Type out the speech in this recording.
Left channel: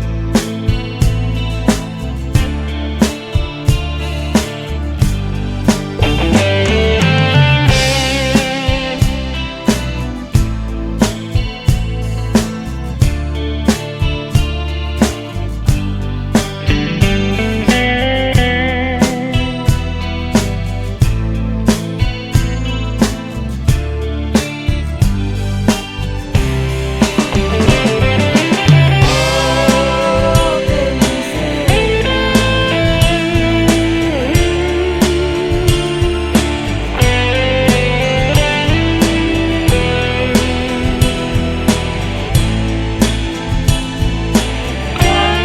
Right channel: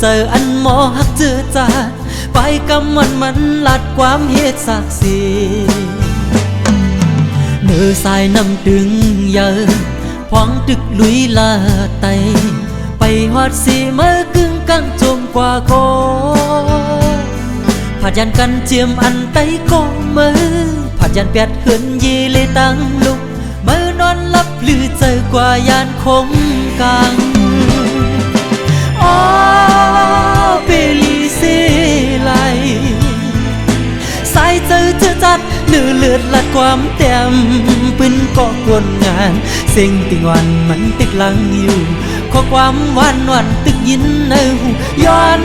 เจออันหมอหักเจอจาดไปกำมันลัดความเหตุศักดิ์ศรีมือสายน้ำตึงเยอะพองดึกลุยลาไตไปหอดสีเมื่อกึ่งกังจมกว่าโกผัดยันกันเจียมอันไตกองมือผัดยันเปียดเหินยีเลยตั้งลุกมือนอนลับลือเจอกว่ายานคมกลางความเต็มเป็นกองกลงานสิ่งที่วันมันติดหลังอยู่ข้อความวันตึกยินในหูย้อน